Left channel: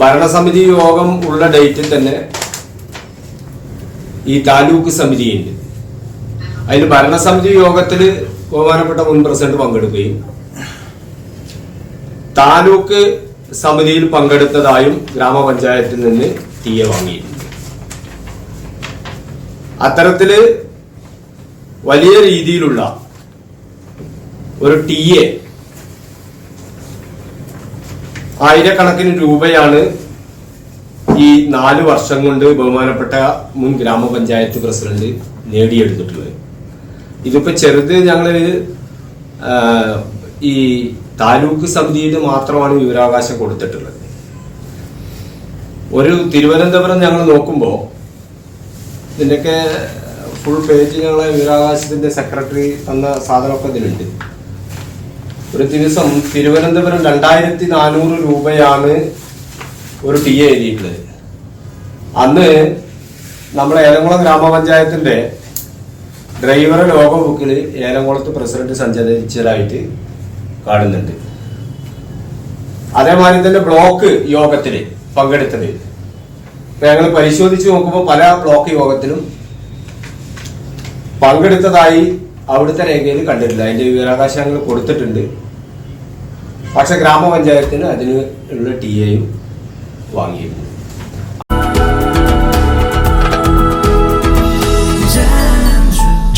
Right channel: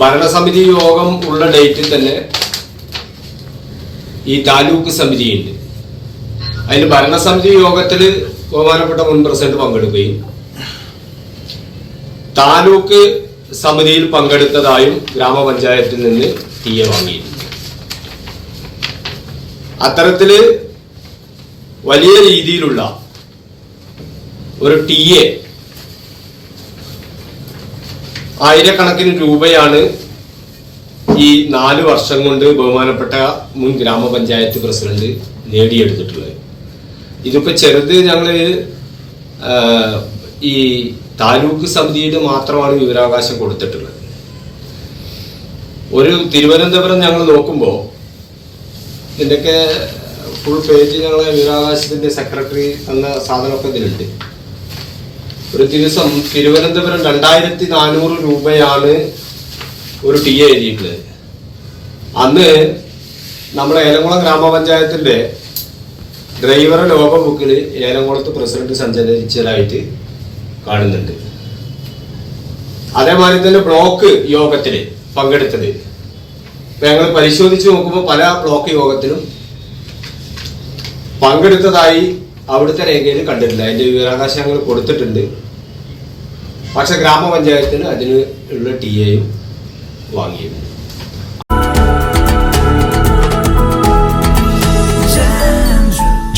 ഭരണസമിതി യോഗം ഉള്ള ഡേറ്റിൽ തന്നെ ഈ താലൂക്ക് സമിതിയുണ്ട് അതിൽ ഭരണസമിതി യോഗത്തിൽ ബഹുമാനപ്പെട്ട മുൻ പ്രസിഡന്റ് പങ്കെടുക്കുകയും താലൂക്ക് സമിതിയിൽ പങ്കെടുത്തതായും ഗ്രാമപഞ്ചായത്തിൽ നിന്ന് എ വാങ്ങിയിട്ടുണ്ട്. അത്തരത്തിൽ വലിയ രീതിയിലുള്ള ഒരു ടി എ ആയിരക്കണക്കിന് രൂപയാണ് ഈ നാല് വർഷം കൊണ്ട് ബഹുമാനപ്പെട്ട മുൻ ഗ്രാമപഞ്ചായത്ത് പ്രസിഡന്റ് നേടിയെടുത്തിട്ടുള്ളത്. ഇതിപ്പോ ചെറുത് ഞങ്ങൾ ഈ താലൂക്ക് സമിതിയിൽ മാത്രമാണ് വിവരാവകാശം കൊടുത്തിട്ടുള്ളത്. ഒരു തിരുവനന്തപുരം ഞങ്ങൾ നോക്കുമ്പോൾ ഇതിന്റെയൊക്കെ ഫുൾ പേജ് ഞങ്ങളെ വിവരാവകാശത്തിന്റെ സെക്രട്ടറി തന്ന സാധനമൊക്കെ ഇതിലുണ്ട്. ഒരു ദിവസം തിരുവനന്തപുരം രണ്ടായിരത്തി നാനൂറ് രൂപയാണ് ഒരു ടി എ എഴുതിയിട്ടുള്ളത്. അന്ന് നമ്മുടെ ഏലംകുളം ഗ്രാമപഞ്ചായത്തിന്റെ ഡ്രൈവർ ലോക ബുക്കിൽ ഏലംകുളത്ത് പ്രസിഡന്റ് സഞ്ചരിച്ചതായിട്ട് കാണുന്നുണ്ട്. അതേമാതിരി തന്നെ ബ്ലോക്ക് യോഗത്തിൽ പങ്കെടുത്തത്. ഞങ്ങൾ പരിശോധിച്ച് നോക്കുമ്പോൾ പല ബ്ലോക്ക് യോഗത്തിലും പങ്കെടുത്തതായി അവിടുത്തെ രേഖയിൽ കണ്ടിട്ടില്ല. അതിന്റെ വിവരാവകാശങ്ങൾ കൊടുത്തിട്ടുണ്ട്. പക്ഷെ ഗ്രാമപഞ്ചായത്തിന് അതിന് ഉള്ള ടി എയും വാങ്ങിയിരുന്നു.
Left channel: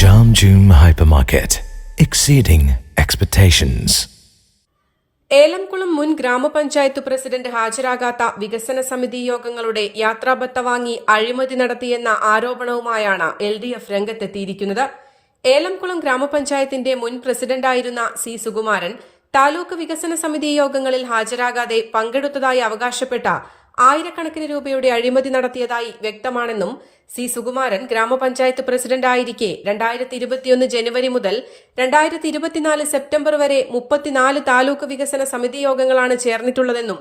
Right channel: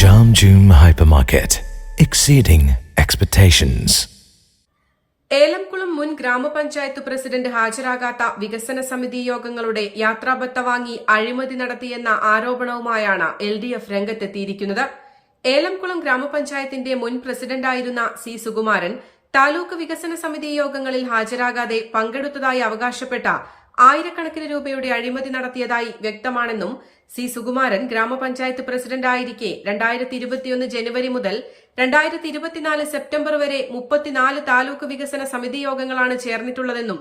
Jam June Hypermarket, exceeding expectations. Elamkulam മുൻ ഗ്രാമപഞ്ചായത്ത് പ്രസിഡന്റ് ഹാജരാകാത്ത വികസന സമിതി യോഗങ്ങളുടെ യാത്രാബത്ത വാങ്ങി അഴിമതി നടത്തിയെന്ന ആരോപണവുമായാണ് എൽ ഡി എഫ് രംഗത്തെത്തിയിരിക്കുന്നത്. ഏലംകുളം ഗ്രാമപഞ്ചായത്തിന്റെ മുൻ പ്രസിഡന്റായിരുന്ന സി സുകുമാരൻ താലൂക്ക് വികസന സമിതി യോഗങ്ങളിൽ ഹാജരാകാതെ പങ്കെടുത്തതായി അവകാശപ്പെട്ട ആയിരക്കണക്കിന് രൂപയുടെ അഴിമതി നടത്തിയതായി വ്യക്തമാണെന്നും സി സുകുമാരൻ ഗ്രാമപഞ്ചായത്ത് പ്രസിഡന്റായിരിക്കെ രണ്ടായിരത്തി ഇരുപത്തിയൊന്ന് ജനുവരി മുതൽ രണ്ടായിരത്തി ഇരുപത്തിനാല് സെപ്റ്റംബർ വരെ മുപ്പത്തിനാല് താലൂക്ക് വികസന സമിതി യോഗങ്ങളാണ് ചേർന്നിട്ടുള്ളതെന്നും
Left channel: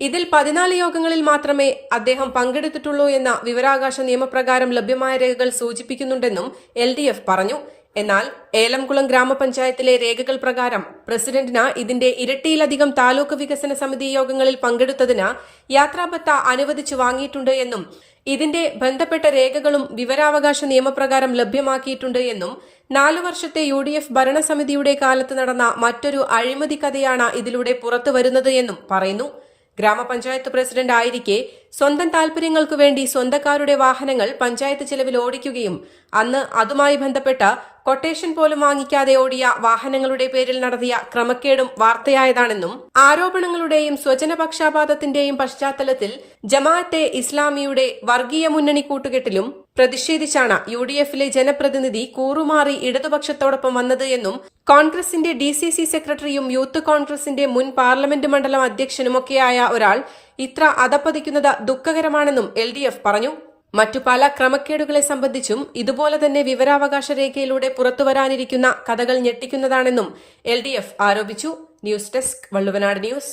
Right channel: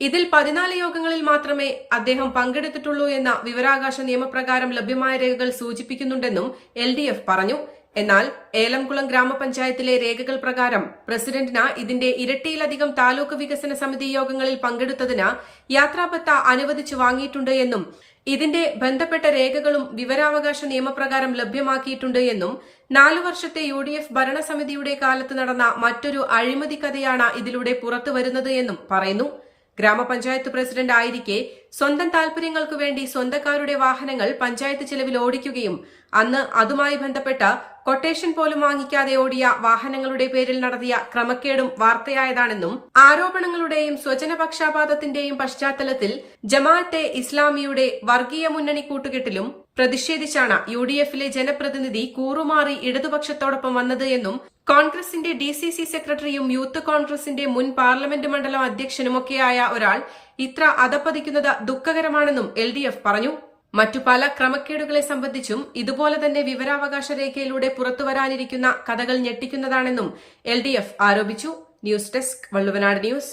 ഇതിൽ പതിനാല് യോഗങ്ങളിൽ മാത്രമേ അദ്ദേഹം പങ്കെടുത്തിട്ടുള്ളൂ എന്ന വിവരാകാശ നിയമപ്രകാരം ലഭ്യമായ രേഖകൾ സൂചിപ്പിക്കുന്നുണ്ടെന്നും എൽ പറഞ്ഞു. എന്നാൽ ഏലംകുളം ഗ്രാമപഞ്ചായത്തിലെ രേഖകൾ പ്രകാരം പ്രസിഡന്റിന് ഇതിന്റെ ഇരട്ടിയിലധികം താലൂക്ക് വികസന സമിതി യോഗങ്ങളിൽ പങ്കെടുത്തതിന് യാത്രാബത്ത അനുവദിച്ചു വാങ്ങിയിട്ടുണ്ട് എന്നും ഇതിന്റെ ബന്ധപ്പെട്ട രേഖകളും വിവരാവകാശ നിയമപ്രകാരം ലഭ്യമാക്കിയിട്ടുണ്ട് എന്നും നാലു വർഷത്തെ യു ഡി എഫ് ഭരണസമിതിയുടെ കാലത്ത് നടന്ന മറ്റൊരു അഴിമതി കഥയാണ് ഇതിലൂടെ പുറത്തുവരുന്നത് എന്നും പറയുന്നു ഗ്രാമപഞ്ചായത്ത് പ്രസിഡന്റ് ആയിരിക്കെ സ്വന്തം താൽപര്യങ്ങൾക്കു വേണ്ടി സ്വന്തക്കാരുടെ വാഹനങ്ങൾ പഞ്ചായത്ത് ചെലവിൽ ഓടിക്കുകയും അന്ന് അതുമായി ബന്ധപ്പെട്ട കൊട്ടേഷൻ പോലും വാങ്ങിക്കാതെ ഓടിയ വാഹനങ്ങളുടെ പേരിൽ നടത്തിയ ക്രമക്കേടും വാർത്തയായതാണെന്നും ആരോപണങ്ങളുടെയും സ്വജനപക്ഷാപാതത്തിന്റെയും പശ്ചാത്തലത്തിൽ ജമാഅത്തെ ഇസ്ലാമിയുടെ വർഗീയ മുന്നണി കൂട്ടുകെട്ടിലും പ്രതിഷേധിച്ചാണ് യു ഡി എഫിലെ ജനപ്രതിനിധി കൂറുമാറി ഇടതുപക്ഷത്തോടൊപ്പം വന്നത് എന്നും കോൺഗ്രസിന്റെ ഡി സി സി സെക്രട്ടറിയും യൂത്ത് കോൺഗ്രസിന്റെ മുൻ പാർലമെന്റ് മണ്ഡലം അധ്യക്ഷനുമൊക്കെയായ ഒരാൾ ഇത്ര അതപ്പതിക്കുന്നത് ദുഃഖകരമാണെന്നും എൽ ഡി എഫ് പറഞ്ഞു. മറ്റു പല ക്രമക്കേടുകളെ സംബന്ധിച്ചും ഇതുപോലെ തന്നെ വിവരാവകാശ രേഖയിലൂടെ പുറത്തുവരാനിരിക്കുന്ന കഥകൾ ഞെട്ടിക്കുന്നതാണെന്നും എൽ ഡി എഫ് ആരോപിച്ചു. News desk Valluvanad news.